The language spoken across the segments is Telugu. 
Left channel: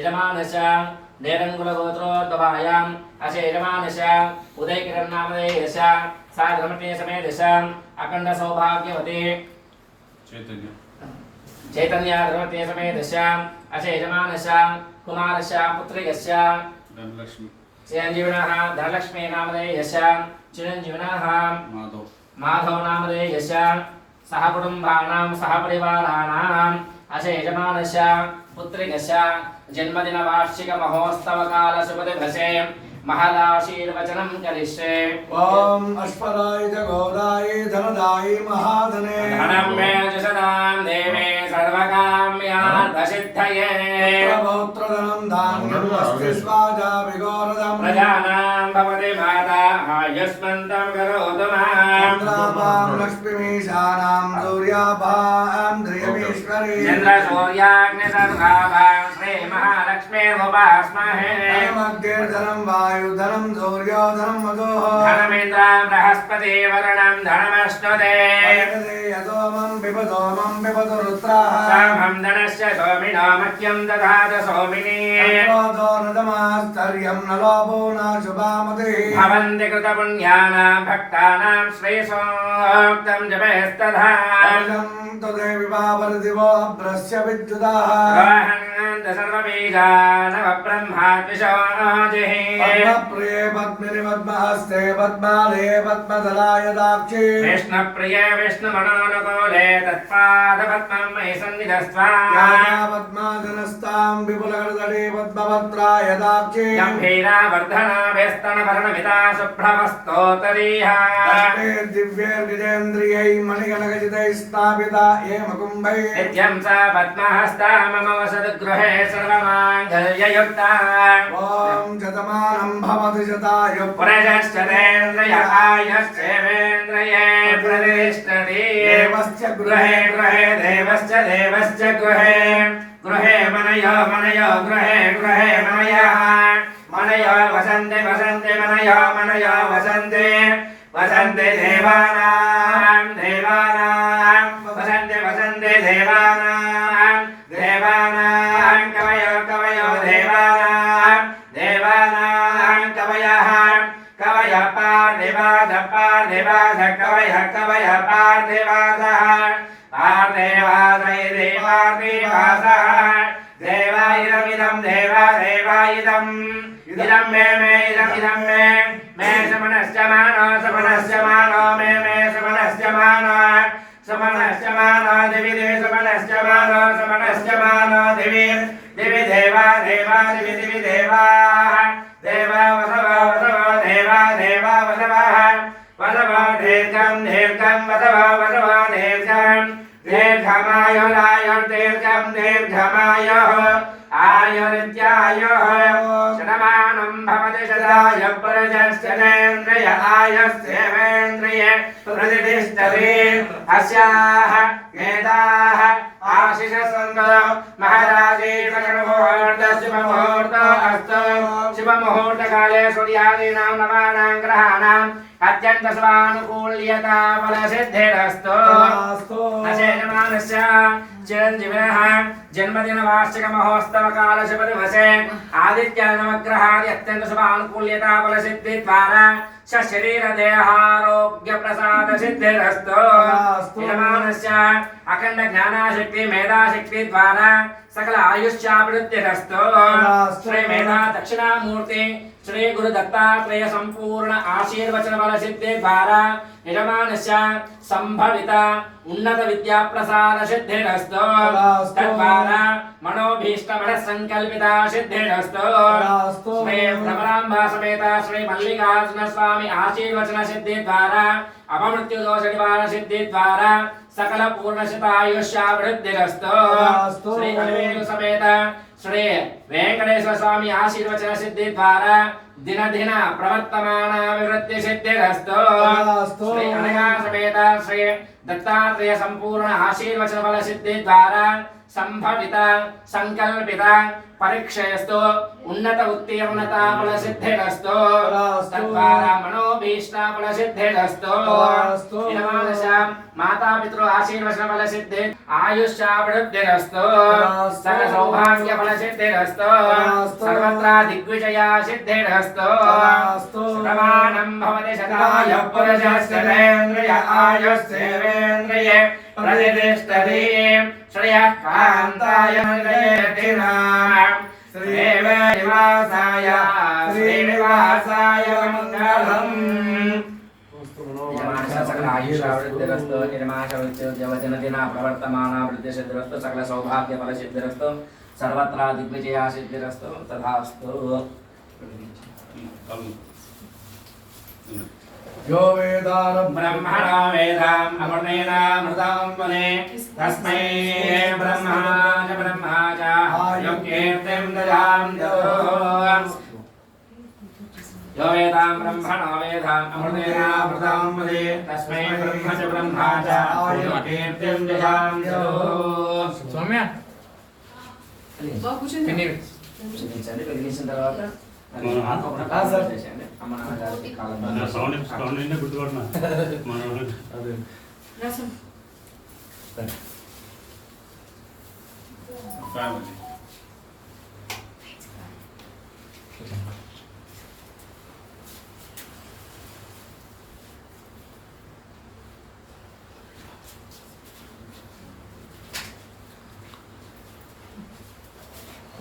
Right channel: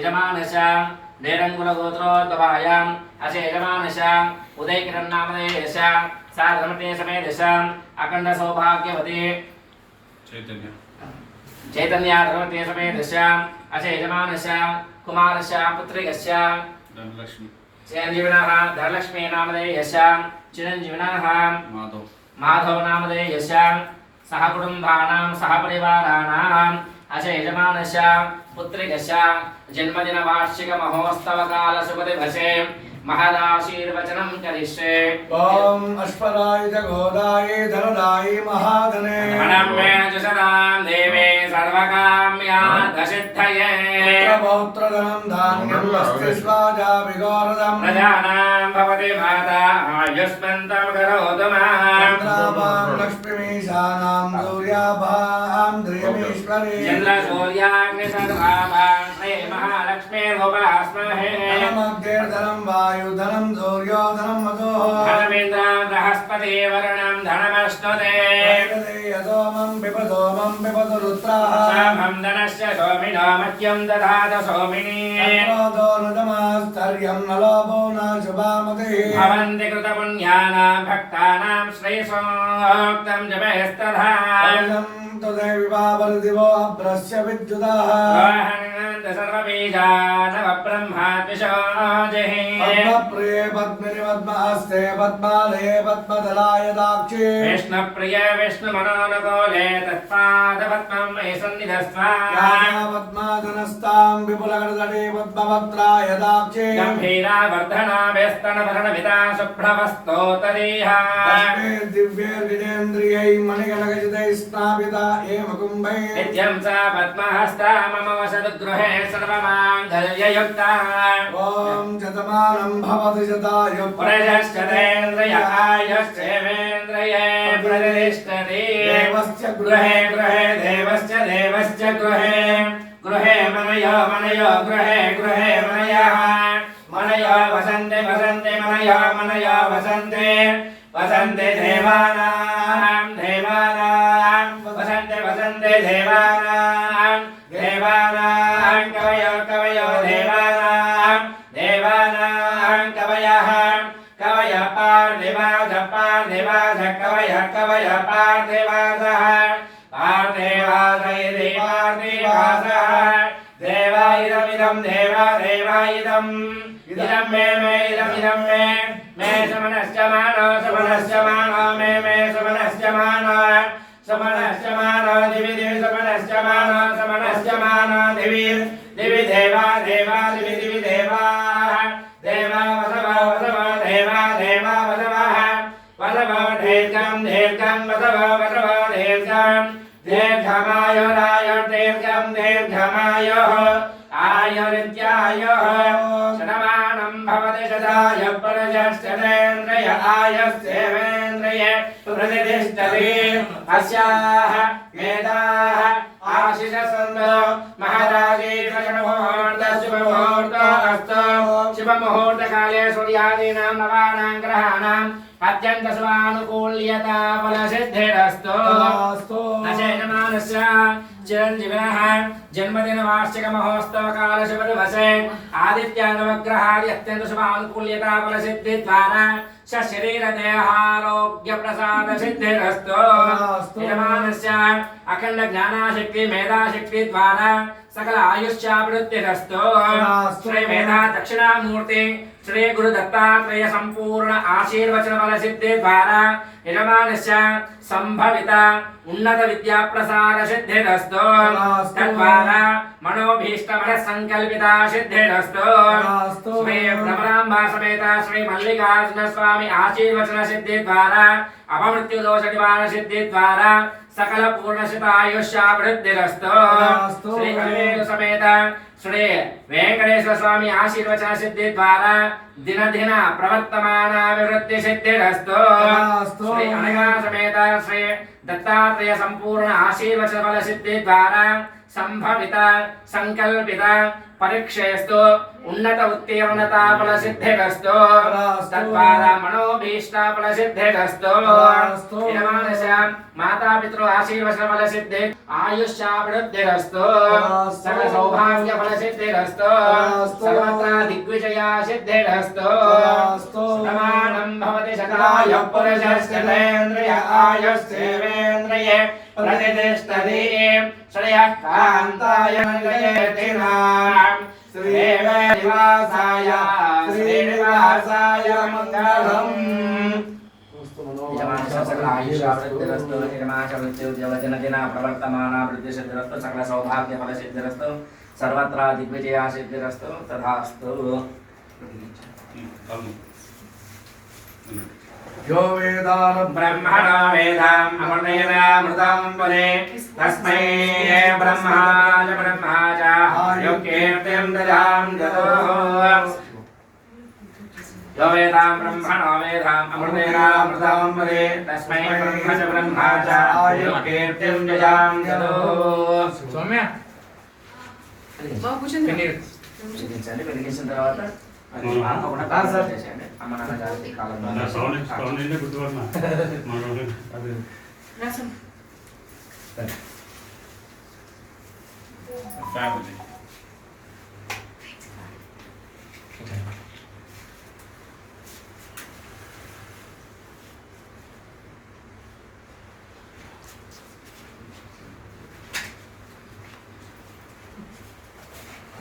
यजमानस्य नेरङ्गुलगोत्रोद्भवायाम् अस्य यजमानस्य उदयकिरण्नामधेयस्य साधर्मते समेतस्य अखण्डसौभाग्यवती चैतन्याधर्मते समेतस्य अस्य यजमानस्य कुमारस्य पुत्रिकस्य चिरञ्जीविनः धनलक्ष्मी नामधेयस्य चिरञ्जीविनः माधव नामधेयस्य सह कुटुम्बानां सह परिवाराणाम् अस्य यजमानस्य पुत्रिकस्य जन्मदिनवार्षिक महोत्सवकाल शुभदिवसे महदाशीर्वचनं करिष्ये। ओम अश्वदाय गोदाय धनदाय महाधने धनं मे जशदां देवे सर्वकाम्यार्थसिद्धये पौत्रधनं धान्यं वस्तिष्वाजा विगोरदं प्रजानां भवति माता आयुष्मन्तं करोतु मां चन्द्राभां लक्ष्मीमीशानां सूर्याभां ध्रियमीश्वरी चन्द्रसूर्याग्निसर्वाभां श्री महालक्ष्मीरुपास्महे धनं वायुधनं सूर्योधनं मघो धनमिन्द्रां बृहस्पति वरुणं धनमश्नुते सोमं पिबतो रुद्राः सामं धनस्य सोमिनो मह्यं दधात सोमिनी नदमास्तर्यं न लोभो न शुभामतिः भवन्ति कृतपुण्यानां भक्तानां श्रेयसोक्तं जपस्तथा तदेव वावरदिवो भ्रस्य विद्युदाः सर्वबीजानवब्रह्माद्विषोजिः पद्मप्रिये पद्मिनि पद्महस्ते पद्मालये पद्मदलाय दाक्षी विष्णुप्रिये विष्णुमनोनुकूले तत्पादपद्मं मयि सन्निधस्त्वा पद्माधनस्तां विपुलगर्दने पद्मपत्राय दाक्षी गम्भीरावर्धनाभ्यस्तनभरणमिता शुभ्रवस्तोतरीह दिव्यैर्गिजेन्द्रियै मणिगणगजितैः स्थापिता ये मकुम्भै नित्यं सा पद्महस्ता मम वसद्गृहे सर्वमाङ्गल्ययुक्ता ॐ शतमानं भवति शताय पुरजश्चतेन्द्रिय आयुश्चेवेन्द्रिये प्रतिष्ठति देवस्य गृहे गृहे देवश्च देवश्च गृहे गृहे मनयो मनयो गृहे गृहे मनयः मनयो वसन्ते वसन्ते मनयो मनयो वसन्ते वसन्ते देवानां देवानां वसन्ते वसन्ते देवानां देवानां कवयो कवयो देवानां देवानां कवयः कवय पार्थिवाज पार्थिवाज कवय कवय पार्थिवाजः पार्थिवाजैरे पार्थिवासः देवा इदमिदं देवा देवा इदम् इदं मे इदं मे समनश्च मानो मे समनश्च मानो दिवि दिवि समनश्च मानो दिवि दिवि देवा देवा दिवि दिवि देवाः देवा वसवा वसवा देवा देवा वसवः वसवा दीर्घं दीर्घं वसवा वसवा दीर्घं दीर्घमायुरायुर् दीर्घं दीर्घमायुः आयुरित्यायुः शतमानं भवति शताय पुरुषश्चतेन्द्रिय आयुस्येवेन्द्रिय प्रतिष्ठति अस्याः एताः आशिषसन्तो महदाशीर्षमुहूर्तः शुभमुहूर्तो अस्तु शुभमुहूर्तकाले सूर्यादीनां नवानां ग्रहाणाम् अत्यन्तस्वानुकूल्यता फलसिद्धिरस्तु नशेषमानस्य चिरञ्जीविनः जन्मदिनवार्षिक महोत्सवकाल शुभदिवसे आदित्यानवग्रहादि अत्यन्तशुभानुकूल्यता फलसिद्धिद्वारा शरीरदेहारोग्यप्रसादसिद्धिरस्तु यजमानस्य अखण्ड ज्ञानाशक्ति मेधाशक्ति द्वारा सकल आयुष्याभिवृद्धिरस्तु श्री मेधा दक्षिणामूर्ति श्री गुरु दत्तात्रेय संपूर्ण आशीर्वचन बल सिद्धि द्वारा यजमानस्य संभवित उन्नत विद्या प्रसाद सिद्धिरस्तु तद्वारा मनोभीष्ट मन संकल्पिता सिद्धिरस्तु श्री भ्रमरांबा समेत श्री मल्लिकार्जुन स्वामी आशीर्वचन सिद्धि द्वारा अपमृत्यु दोष निवारण सिद्धि द्वारा सकल पूर्णशितायुष्याभिवृद्धिरस्तु श्री कलिवेलु समेत श्री वेंकटेश्वर स्वामी आशीर्वचन सिद्धि द्वारा दिन दिन प्रवर्तमानाभिवृद्धि सिद्धिरस्तु श्री अनघा समेत श्री दत्तात्रेय संपूर्ण आशीर्वचन बल सिद्धि द्वारा సంభవిత సంకల్పిత పరీక్షయస్తు ఉన్నత ఉత్తీర్ణతా ఫలసిద్ధిరస్తు తద్వారా మనోభీష్ట ఫలసిద్ధిరస్తు యజమానస్య మాతాపితృ ఆశీర్వచన ఫలసిద్ధి ఆయుష్యాభివృద్ధిరస్తు సకల సౌభాగ్య ఫలసిద్ధిరస్తు సర్వత్రా దిగ్విజయా సిద్ధిరస్తు ప్రమాణం భవతి శతాయ పురుషస్యేంద్రియ ఆయుస్సేవేంద్రియే प्रतिष्ठति श्रेयः कान्ताय श्रीनिवासाय मङ्गलम् सकल आयुष्यावृद्धिरस्तु निर्माशवृत्तिर्जवजनदिना प्रवर्तमाना वृद्धिसिद्धिरस्तु सकल सौभाग्य फलसिद्धिरस्तु सर्वत्र दिग्विजया सिद्धिरस्तु तथास्तु। यो वेदानं ब्रह्मणो वेदाम् अमृतेनामृतं वदे तस्मै ब्रह्माच ब्रह्माच यो कीर्तिं ददाम् ददोः। यो वेदां ब्रह्मणो वेदाम् अमृतेनामृतं वदे तस्मै ब्रह्मच ब्रह्माच यो कीर्तिं ददाम् ददोः। सौम्या తర్వాత అమ్మ నాన్న గారికి కాలం ఫ్యామిలీ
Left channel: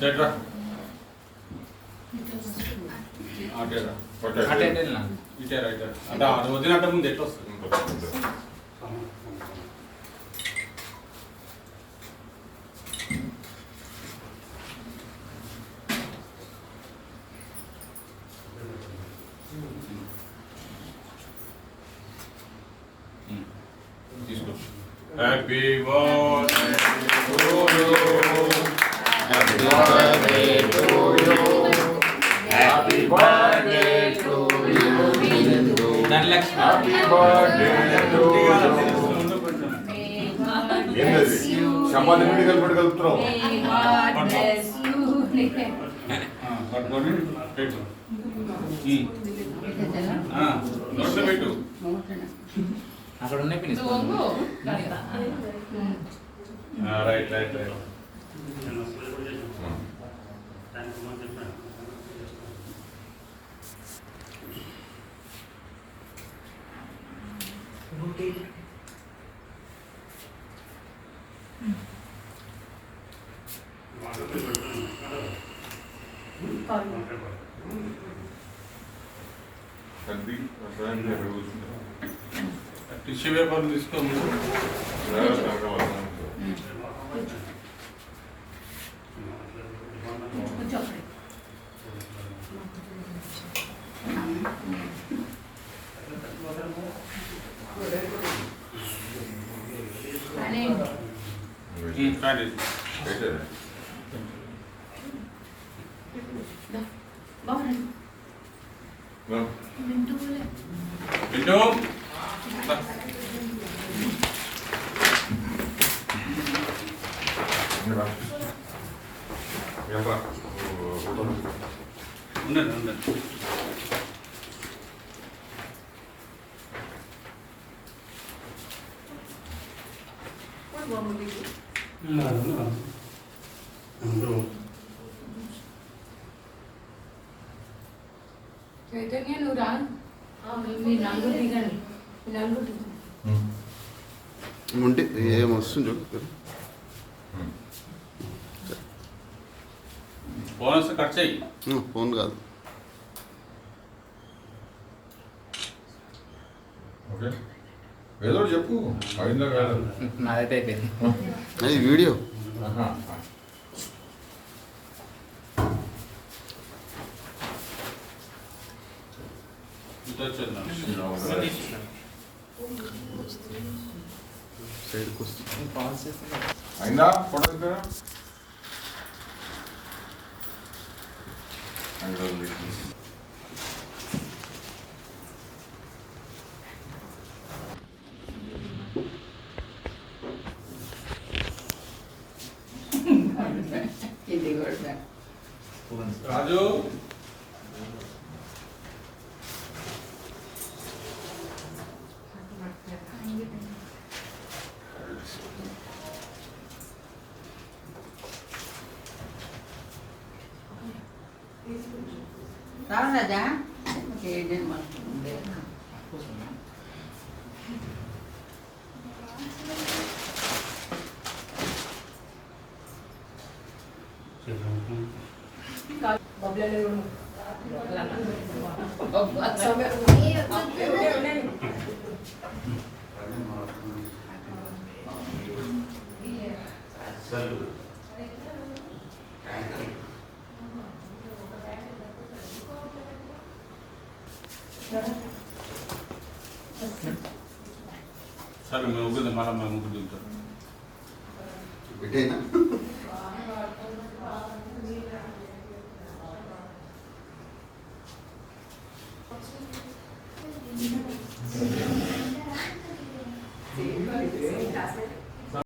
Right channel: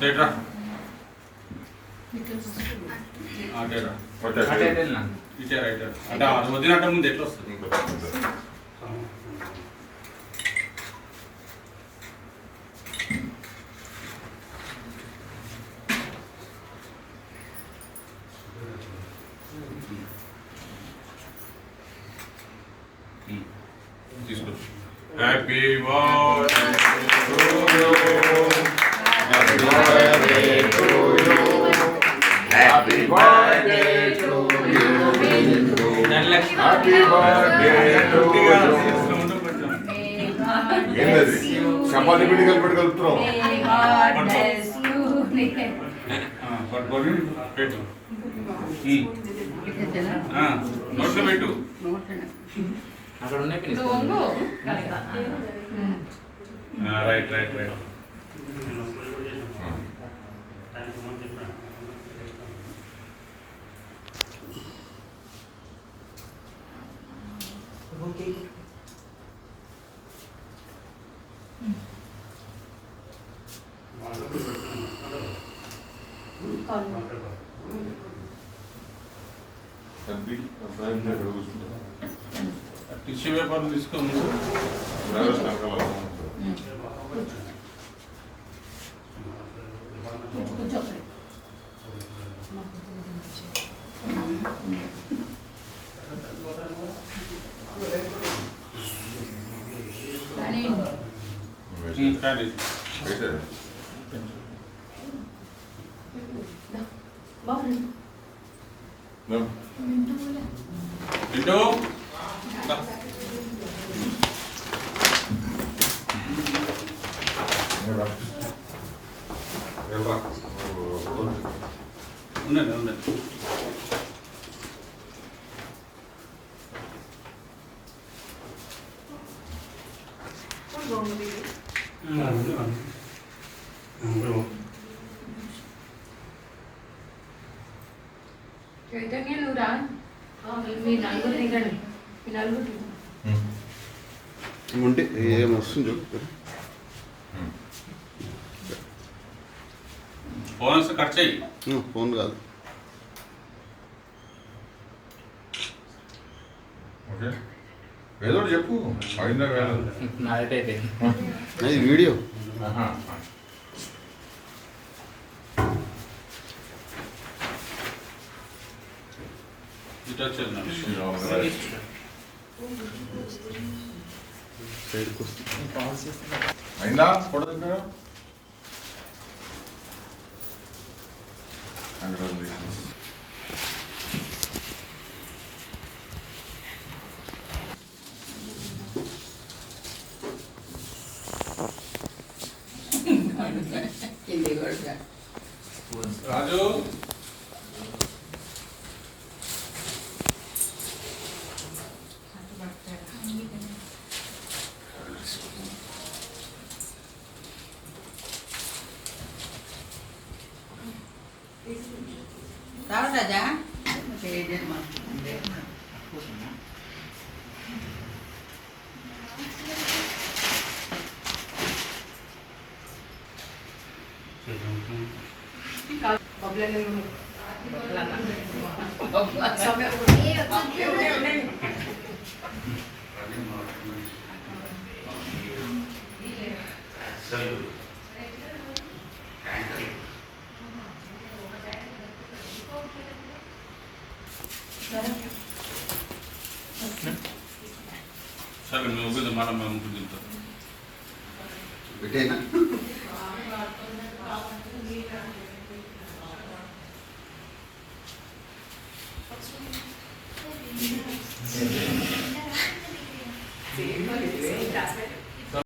డేటా అంటే వదినట్ట ముందు ఎట్లా వస్తుంది తీసుకో. Happy birthday to you happy birthday to you happy birthday to you happy birthday to you ఏంటది చపాతీ పిండి కలుపుతున్నాం పట్టుకొని పెట్టు నోట్లో పెట్టు అక్కడ ఉన్నాయి రైట్ రైట్ రైట్ టిష్యూ పేపర్లు తీసుకొని ఉండండి ఉండండి చైతన్య నువ్వు రా మీ నలుగురు దిగండి మీ నలుగురు ఉంటే ఏమొస్తుంది చూడు ఫోన్ వస్తే కట్ చేయి ఫోన్ కాదు ఓకే ఏదో చెప్పు అయిందా కాదు అది వీడియో ఇటు వచ్చేది సైడ్కి వస్తుంది అయిందా ఫోటో దగ్గర రాజు రాజా సరే మేము ముగ్గురు మళ్ళీ మేము ముగ్గురు తింటాం పెట్టేనా